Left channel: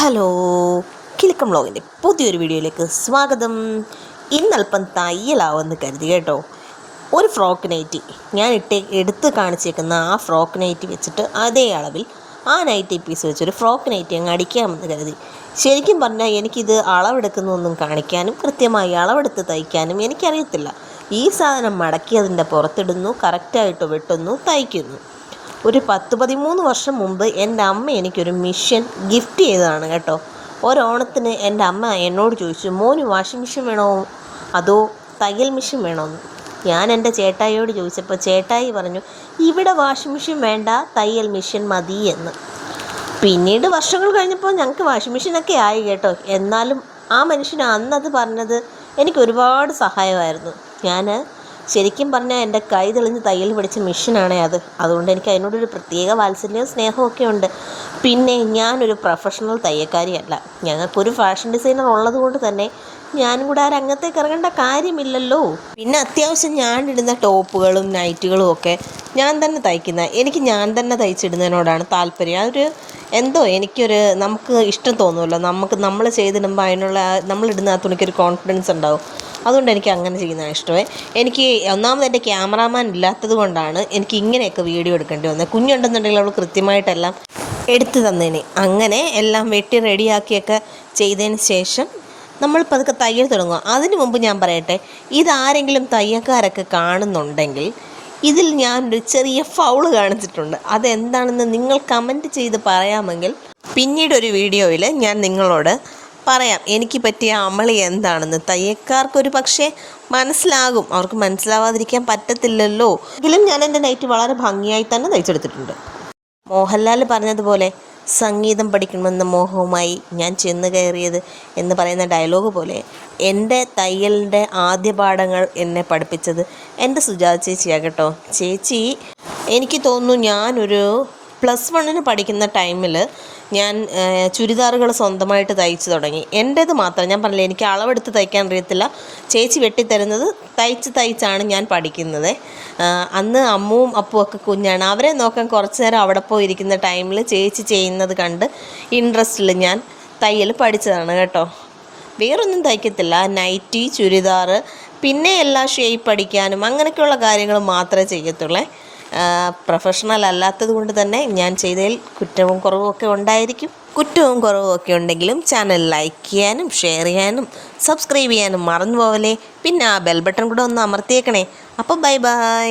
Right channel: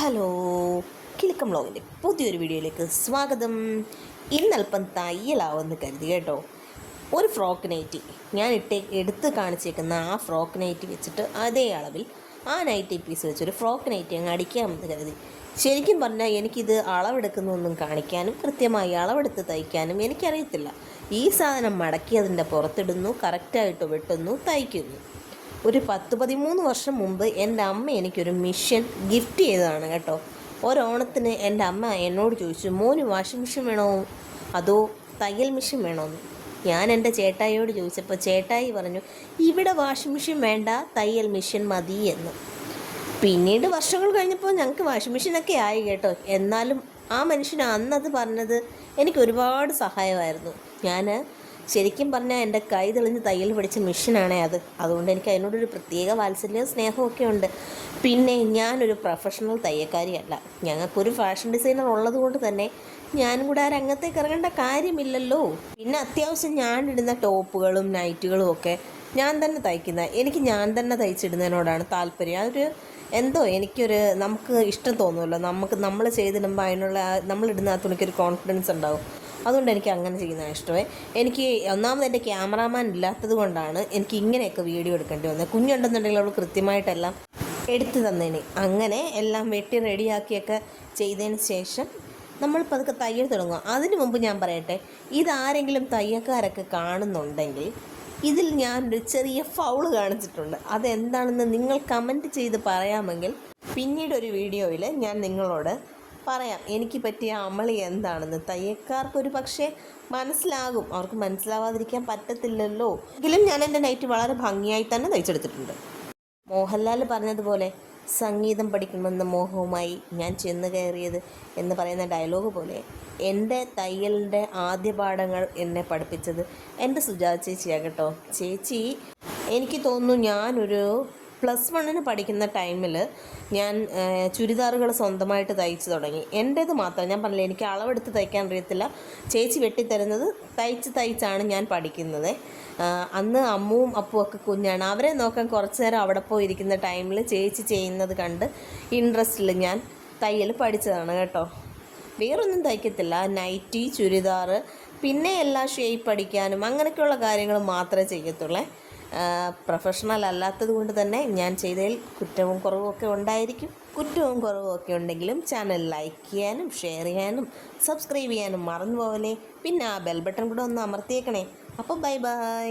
Hello Kilukkam വ്ളോഗിന്റെ പുതിയൊരു വീഡിയോയിലേക്ക് സ്വാഗതം. ഇന്നൽപ്പം തയ്യലാവെന്ന് കരുതി കേട്ടോ. ഒരു ഫ്രോക്ക് നൈറ്റി. ഞാൻ ഇട്ട് എടുത്ത് കാണിച്ചേക്കുന്ന ആ ഫ്രോക്ക് നൈറ്റി വെച്ചിട്ട് അതേ അളവിൽ ആ നൈറ്റി പീസ് വെച്ചൊരു ഫ്രോക്ക് നൈറ്റി അങ്ങ് അടിക്കാമെന്ന് കരുതി. ശരിക്കും പറഞ്ഞാൽ എനിക്കിത് അളവെടുക്കുന്നൊന്നും കാണിക്കാനും കൃത്യമായി അളവെടുത്ത് തയ്ക്കാനും എനിക്കറിയത്തില്ല. ഈ സാധനം മടക്കി അതിന്റെ പുറത്തിടുന്നു കറക്റ്റായിട്ട് വെട്ടുന്നു തയ്ക്കുന്നു. ഒരു പത്ത് പതിമൂന്ന് വർഷം മുമ്പ് എന്റെ അമ്മ എനിക്കൊരു മിഷ്യൻ ഗിഫ്റ്റ് ചെയ്തതാണ് കേട്ടോ. ഒരോണത്തിന് എന്റെ അമ്മ എന്നോട് ചോദിച്ചു മോന് വാഷിംഗ് മെഷീൻ വേണോ? അതോ തയ്യൽ മെഷീൻ വേണോ ഞാൻ എന്റെ ചേട്ടായിയോട് ചോദിച്ചപ്പോൾ ചേട്ടായി പറഞ്ഞു ഇവിടെ വാഷിംഗ് മെഷീൻ വേണ്ട തയ്യൽ മെഷീൻ മതി എന്ന്. പിന്നീട് വർഷങ്ങൾ കഴിഞ്ഞപ്പോൾ ഞങ്ങൾക്ക് വാഷിംഗ് മെഷീനൊക്കെ ആയി കേട്ടോ. എന്നാലും ആ മനുഷ്യൻ അന്നത് പറഞ്ഞത് എനിക്ക് ഒരുപാട് സഹായമായിരുന്നു. ഞാൻ ശരിക്കും പറഞ്ഞാൽ എന്റെ കൈ തെളിഞ്ഞ് തയ്യൽ പഠിച്ച മിഷനാണ് അത്. അതുകൊണ്ട് എനിക്ക് അതിനോടൊരു പ്രത്യേക വാത്സല്യവും സ്നേഹമൊക്കെ ഉണ്ട്. പിന്നെ ഞാനൊരു പ്രൊഫഷണൽ തയ്യക്കാരിയല്ല ഞങ്ങൾക്കൊരു ഫാഷൻ ഡിസൈനർ ഉള്ളതുകൊണ്ട് തന്നെ ഞാനും കൂടെ ആ രംഗത്തേക്ക് ഇറങ്ങേണ്ട കാര്യമില്ലല്ലോ. പിന്നെ അത്യാവശ്യം ഇടുന്ന ടോപ്പുകളും നൈറ്റുകളും ഒക്കെ ഞാൻ തന്നെ തയ്ക്കുന്ന എനിക്ക് ഞാൻ തന്നെ തയ്ച്ചിടുന്നതിനോടാണ് താല്പര്യം. അതൊരു എന്തോ എനിക്കൊരു നമുക്ക് ഇഷ്ടം തോന്നുമല്ലോ. നമുക്ക് നമ്മൾ ചെയ്തിടുമ്പോൾ അതിനുള്ള നമ്മളിടുന്ന ആ തുണിക്കൊരു കോൺഫിഡൻസ് ഉണ്ടാവും. അതുകൊണ്ട് എനിക്ക് അങ്ങനെ ചെയ്യുന്നതാണ് ഇഷ്ടമേ. എനിക്ക് ഒന്നാമത് എന്റെ ക്യാമറാമാൻ ഇല്ലാത്തത് കൊണ്ടാണ് എനിക്ക് ഇങ്ങനെയൊക്കെ വീഡിയോ എടുക്കേണ്ടി വന്നത്. കുഞ്ഞുണ്ടെന്നുണ്ടെങ്കിൽ അവൾ കൃത്യമായിട്ടെല്ലാം എടുത്തു തന്നേനെ. അങ്ങനെ എല്ലാം വെട്ടി റെഡിയാക്കിയൊക്കെ ചെയ്തതിന് ശേഷം നമ്മൾ പതുക്കെ തയ്യൽ തുടങ്ങുക. അതിനു മുമ്പ് ഞാൻ പറയട്ടെ ഇതാരെങ്കിലും തയ്യക്കാരൊക്കെ കാണുന്നുണ്ടെങ്കിൽ ഇതിൽ ഞാനൊരു ചെറിയ ഫൗൾ കാണിച്ചിട്ടുണ്ട്. അതെന്താണെന്ന് നിങ്ങൾ കമന്റ് ചെയ്ത് പറയാമെങ്കിൽ പിന്നീടൊരു വീഡിയോയിൽ ഞാൻ നിങ്ങളോട് പറയാം എനിക്ക് പറ്റിയ അമളി എന്താണെന്ന്. തയ്യക്കാർക്കൊരു പക്ഷേ മനസ്സിലാകും. അവർക്ക് മനസ്സിലാവാതിരിക്കാൻ പറ്റത്തില്ലല്ലോ. എങ്കിലും ഞാൻ എന്റെ നൈറ്റ് വളരെ ഭംഗിയായി തന്നെ തയ്ച്ചെടുത്തിട്ടുണ്ട്. മോഹൻലാൽ പറഞ്ഞതുപോലെ സംഗീതം പഠിക്കണമെന്ന മോഹവുമായി ഞാൻ ചെന്ന് കയറിയത് എന്ന് പറയുന്ന ഡയലോഗ് പോലെ എന്റെ തയ്യലിന്റെ ആദ്യ പാഠങ്ങൾ എന്നെ പഠിപ്പിച്ചത് എന്റെ സുജാത ചേച്ചിയാണ് കേട്ടോ. ചേച്ചി എനിക്ക് തോന്നുന്നു ഞാനൊരു പ്ലസ് വണ്ണിന് പഠിക്കുന്ന ടൈമിൽ ഞാൻ ചുരിദാറുകൾ സ്വന്തമായിട്ട് തയ്ച്ചു തുടങ്ങി. എന്റേത് മാത്രം. ഞാൻ പറഞ്ഞില്ല എനിക്ക് അളവെടുത്ത് തയ്ക്കാൻ അറിയത്തില്ല. ചേച്ചി വെട്ടിത്തരുന്നത് തയ്ച്ച് തയ്ച്ചാണ് ഞാൻ പഠിക്കുന്നത്. അന്ന് അമ്മുവും ഒക്കെ കുഞ്ഞാണ്. അവരെ നോക്കാൻ കുറച്ച് നേരം അവിടെ പോയി ഇരിക്കുന്ന ടൈമിൽ ചേച്ചി ചെയ്യുന്നത് കണ്ട് ഇൻട്രസ്റ്റിൽ ഞാൻ തയ്യൽ പഠിച്ചതാണ് കേട്ടോ. വേറൊന്നും തയ്ക്കത്തില്ല. നൈറ്റി ചുരിദാറ് പിന്നെ എല്ലാ ഷേപ്പ് അടിക്കാനും അങ്ങനെയൊക്കെയുള്ള കാര്യങ്ങൾ മാത്രമേ ചെയ്യത്തുള്ളേ. പ്രൊഫഷണൽ അല്ലാത്തത് കൊണ്ട് തന്നെ ഞാൻ ചെയ്തതിൽ കുറ്റവും കുറവും ഒക്കെ ഉണ്ടായിരിക്കും. കുറ്റവും കുറവും ഒക്കെ ഉണ്ടെങ്കിലും ചാനൽ ലൈക്ക് ചെയ്യാനും ഷെയർ ചെയ്യാനും സബ്സ്ക്രൈബ് ചെയ്യാനും മറന്നു പോവലേ പിന്നെ ആ ബെൽ ബട്ടൺ കൂടെ ഒന്ന് അമർത്തിയേക്കണേ. അപ്പോൾ ബൈ ബൈ